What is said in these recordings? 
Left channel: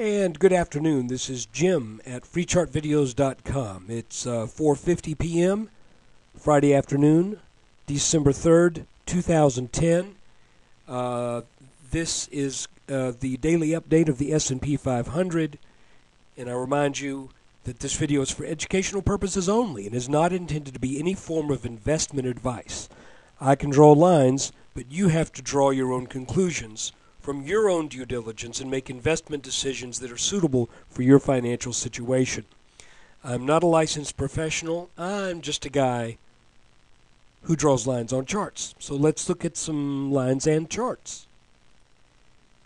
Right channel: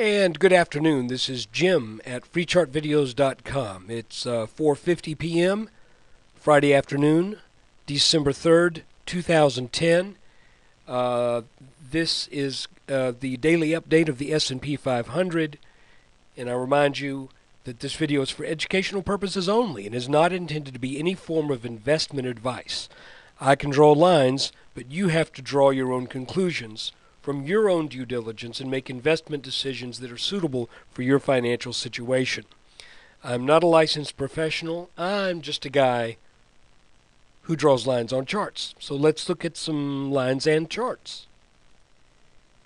And good afternoon. This is Jim at freechartvideos.com. It's 4:50 p.m. Friday afternoon, December 3rd, 2010. This is the daily update of the S&P 500, and I remind you that this video is for educational purposes only and is not intended to be any form of investment advice. I can draw lines, but you have to draw your own conclusions from your own due diligence and make investment decisions that are suitable for your financial situation. I'm not a licensed professional. I'm just a guy who draws lines on charts. So let's look at some lines and charts.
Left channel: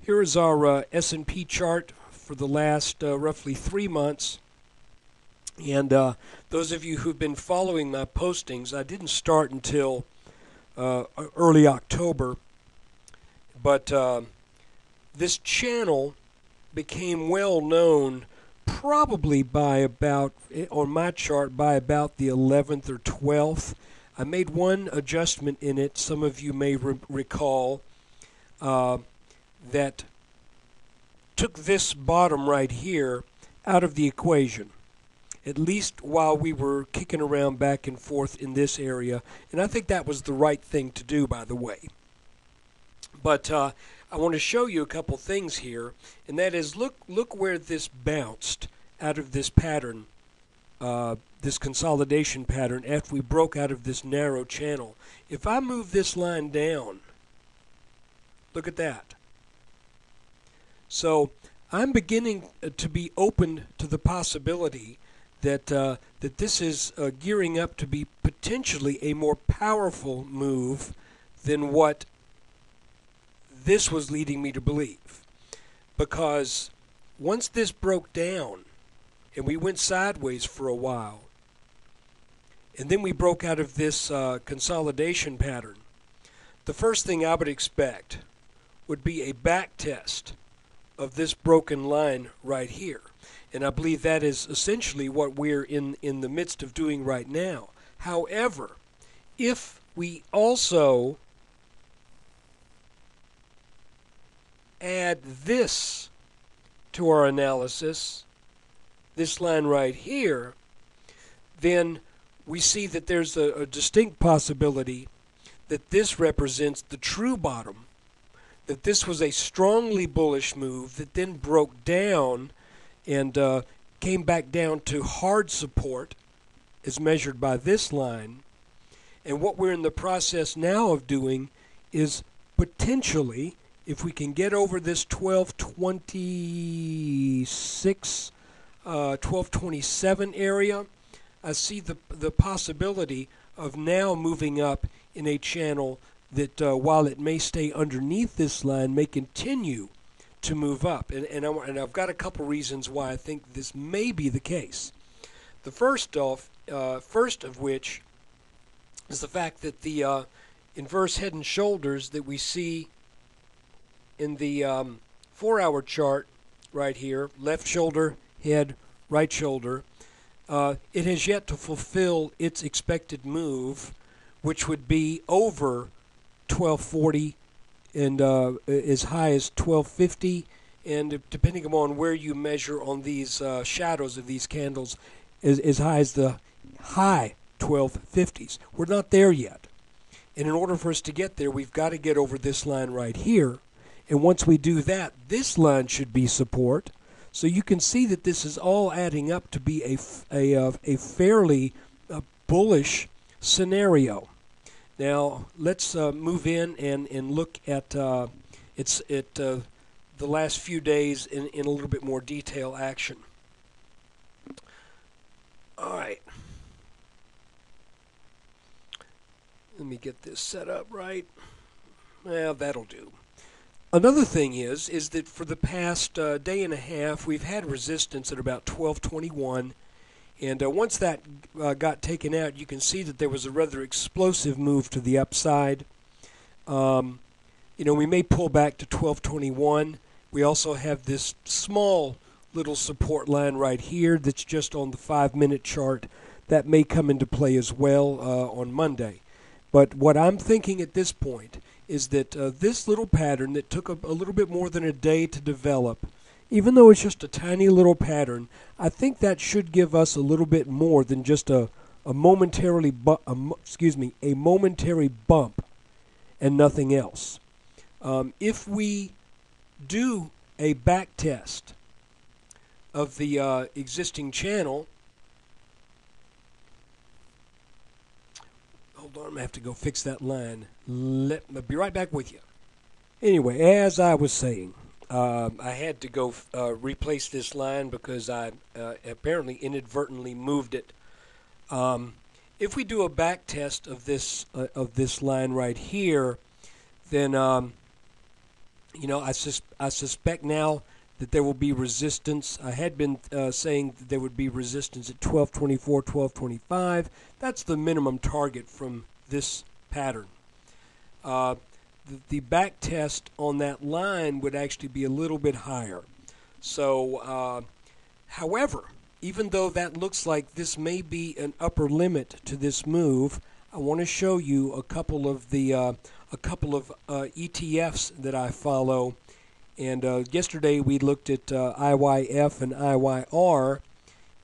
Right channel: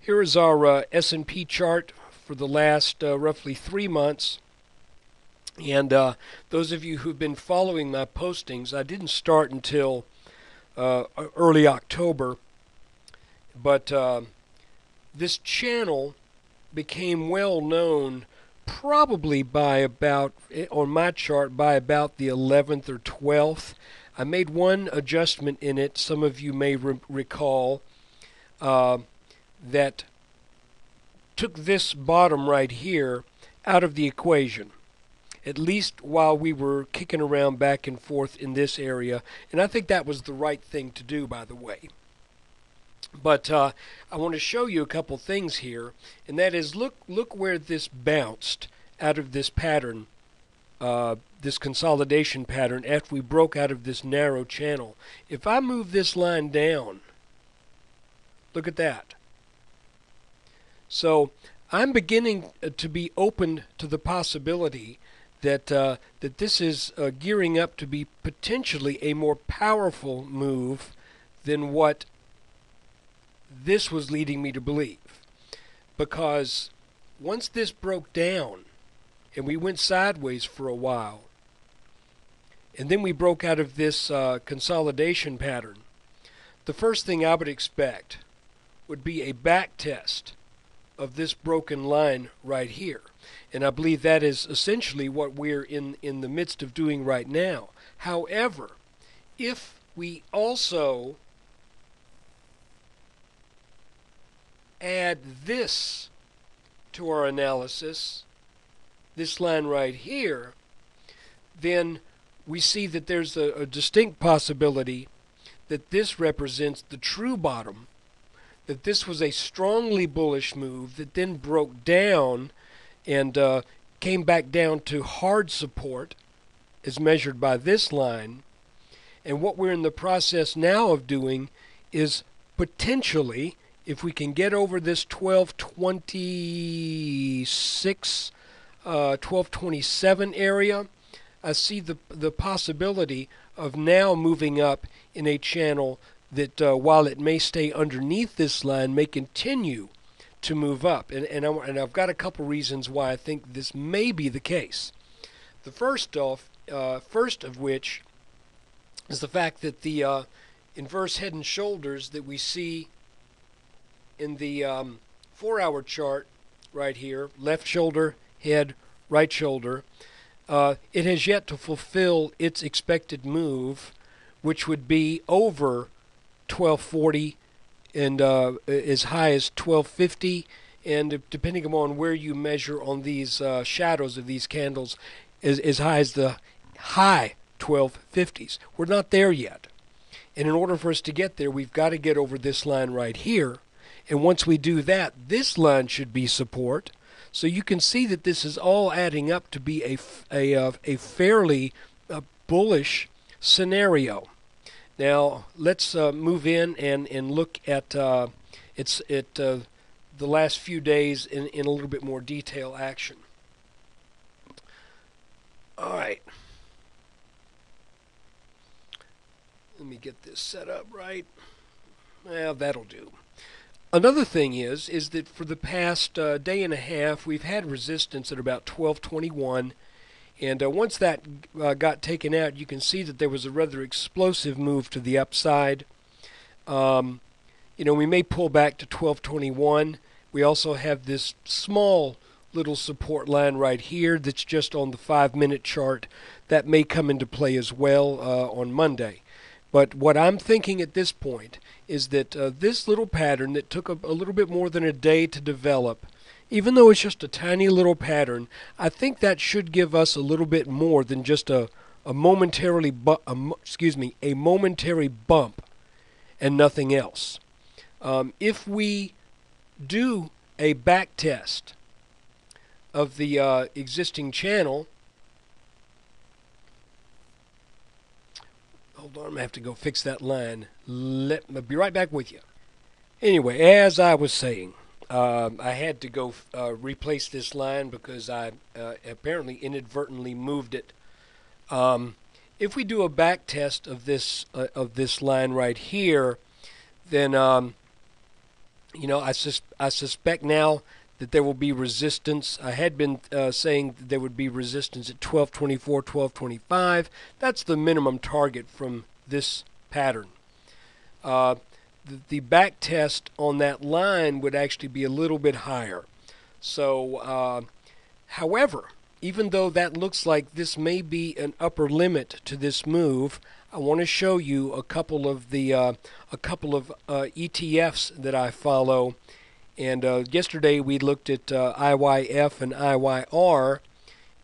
Here is our S&P chart for the last roughly 3 months. And those of you who've been following my postings, I didn't start until early October, but this channel became well known probably by about, on my chart, by about the 11th or 12th. I made one adjustment in it, some of you may recall, that took this bottom right here out of the equation, at least while we were kicking around back and forth in this area. And I think that was the right thing to do, by the way. But I want to show you a couple things here, and that is look where this bounced out of this pattern, this consolidation pattern, after we broke out of this narrow channel. If I move this line down, look at that. So I'm beginning to be open to the possibility that that this is gearing up to be potentially a more powerful move than what this was leading me to believe. Because once this broke down and we went sideways for a while, and then we broke out of this consolidation pattern, the first thing I would expect would be a back test of this broken line right here. And I believe that is essentially what we're in the midst of doing right now. However, if we also add this to our analysis, this line right here, then we see that there's a distinct possibility that this represents the true bottom, that this was a strongly bullish move that then broke down and came back down to hard support as measured by this line. And what we're in the process now of doing is potentially, if we can get over this 1226, 1227 area, I see the possibility of now moving up in a channel that, while it may stay underneath this line, may continue to move up. And I've got a couple reasons why I think this may be the case. The first of which is the fact that the inverse head and shoulders that we see in the 4-hour chart right here, left shoulder, head, right shoulder, it has yet to fulfill its expected move, which would be over 1240 and as high as 1250, and depending upon where you measure on these shadows of these candles, as high as the high 1250s. We're not there yet. And in order for us to get there, we've got to get over this line right here. And once we do that, this line should be support. So you can see that this is all adding up to be a fairly bullish scenario. Now let's move in and look at the last few days in a little bit more detail action. All right. Let me get this set up right. Well, that'll do. Another thing is that for the past day and a half, we've had resistance at about 1221, and once that got taken out, you can see that there was a rather explosive move to the upside. You know, we may pull back to 1221. We also have this small little support line right here that's just on the 5-minute chart. That may come into play as well on Monday. But what I'm thinking at this point is that this little pattern that took a little bit more than a day to develop even though it's just a tiny little pattern, I think that should give us a little bit more than just a momentary bump and nothing else. If we do a back test of the existing channel, hold on, I'm going to have to go fix that line. I'll be right back with you. Anyway, as I was saying, I had to go replace this line because I apparently inadvertently moved it. If we do a back test of this line right here, then I suspect now that there will be resistance. I had been saying that there would be resistance at 1224, 1225. That's the minimum target from this pattern. The back test on that line would actually be a little bit higher. So, however, even though that looks like this may be an upper limit to this move, I want to show you a couple of ETFs that I follow. And yesterday we looked at IYF and IYR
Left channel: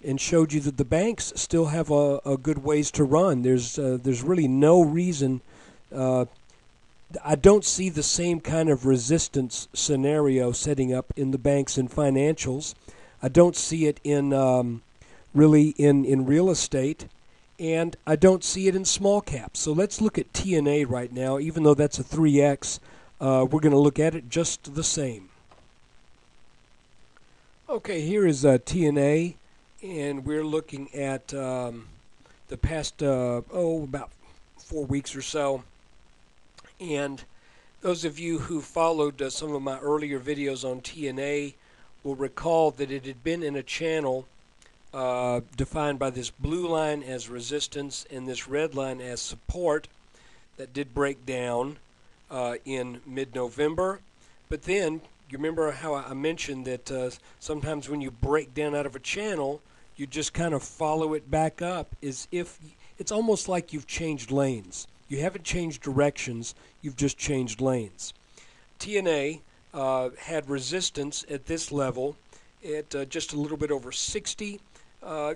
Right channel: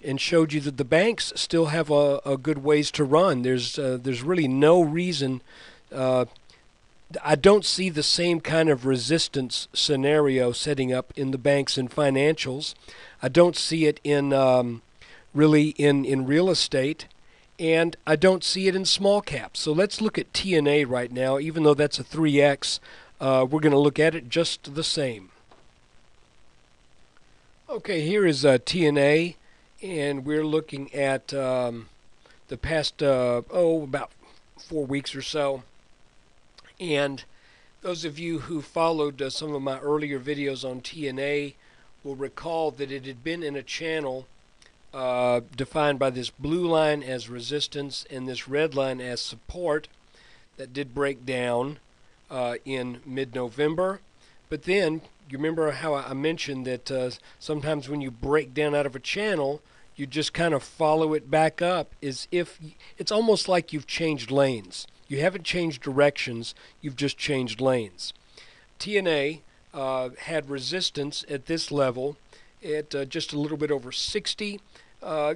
and showed you that the banks still have a good ways to run. There's really no reason. I don't see the same kind of resistance scenario setting up in the banks and financials. I don't see it in really in real estate, and I don't see it in small caps. So let's look at TNA right now. Even though that's a 3X, we're going to look at it just the same. Okay, here is TNA, and we're looking at the past about 4 weeks or so. And those of you who followed some of my earlier videos on TNA will recall that it had been in a channel defined by this blue line as resistance and this red line as support that did break down in mid-November. But then, you remember how I mentioned that sometimes when you break down out of a channel, you just kind of follow it back up as if it's almost like you've changed lanes. You haven't changed directions, you've just changed lanes. TNA had resistance at this level at just a little bit over 60.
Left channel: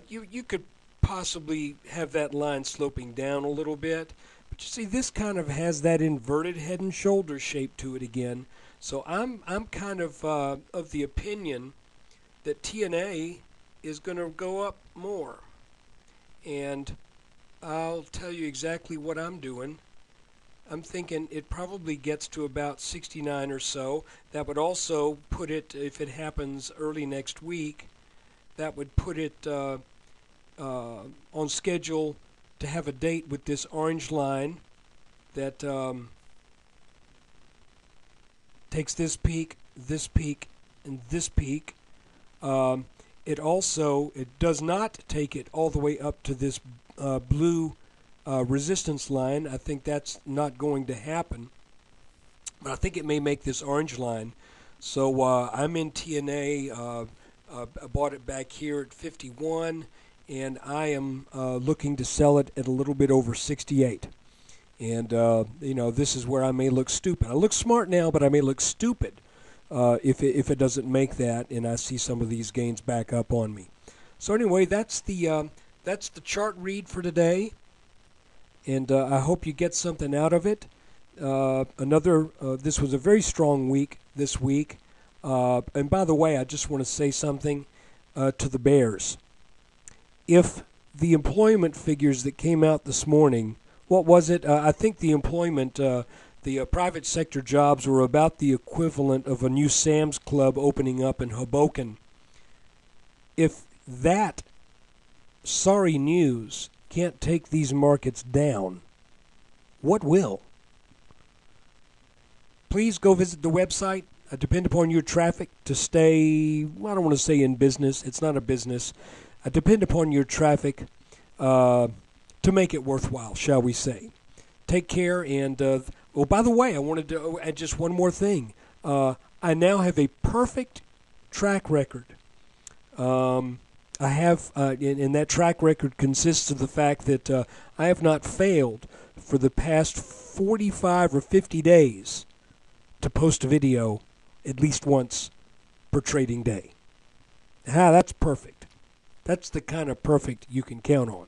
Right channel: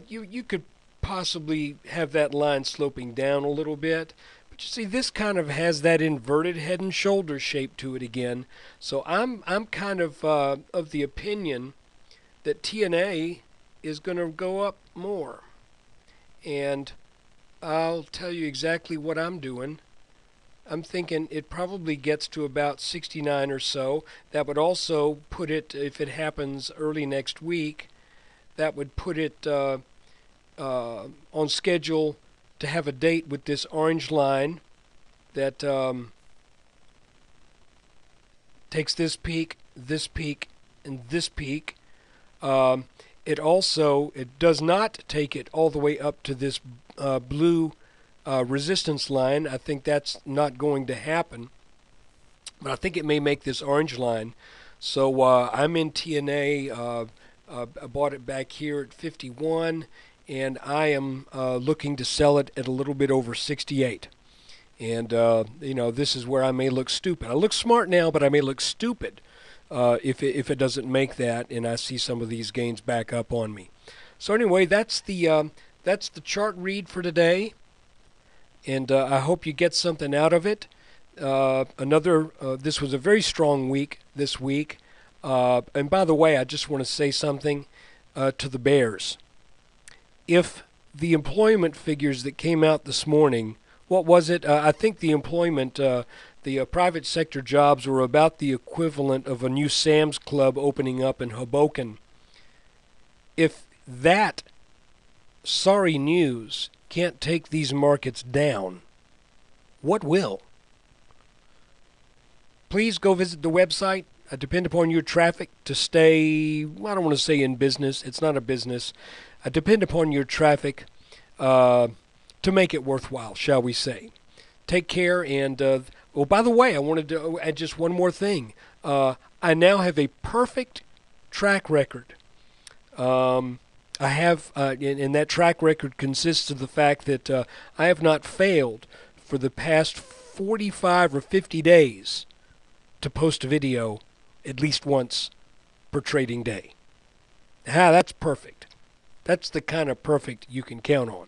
You could possibly have that line sloping down a little bit, but you see this kind of has that inverted head and shoulder shape to it again. So I'm kind of the opinion that TNA is going to go up more, and I'll tell you exactly what I'm doing. I'm thinking it probably gets to about 69 or so. That would also put it, if it happens early next week, that would put it on schedule to have a date with this orange line that takes this peak, and this peak. It does not take it all the way up to this blue resistance line. I think that's not going to happen, but I think it may make this orange line. So I'm in TNA. I bought it back here at 51, and I am looking to sell it at a little bit over 68. And this is where I may look stupid. I look smart now, but I may look stupid if it doesn't make that, and I see some of these gains back up on me. So anyway, that's the chart read for today, and I hope you get something out of it. This was a very strong week this week. And by the way, I just want to say something to the bears. If the employment figures that came out this morning, what was it? I think the employment, the private sector jobs were about the equivalent of a new Sam's Club opening up in Hoboken. If that sorry news can't take these markets down, what will? Please go visit the website. I depend upon your traffic to stay, well, I don't want to say in business. It's not a business. I depend upon your traffic to make it worthwhile, shall we say. Take care. And, by the way, I wanted to add just one more thing. I now have a perfect track record. I have, and that track record consists of the fact that I have not failed for the past 45 or 50 days to post a video at least once per trading day. That's perfect. That's the kind of perfect you can count on.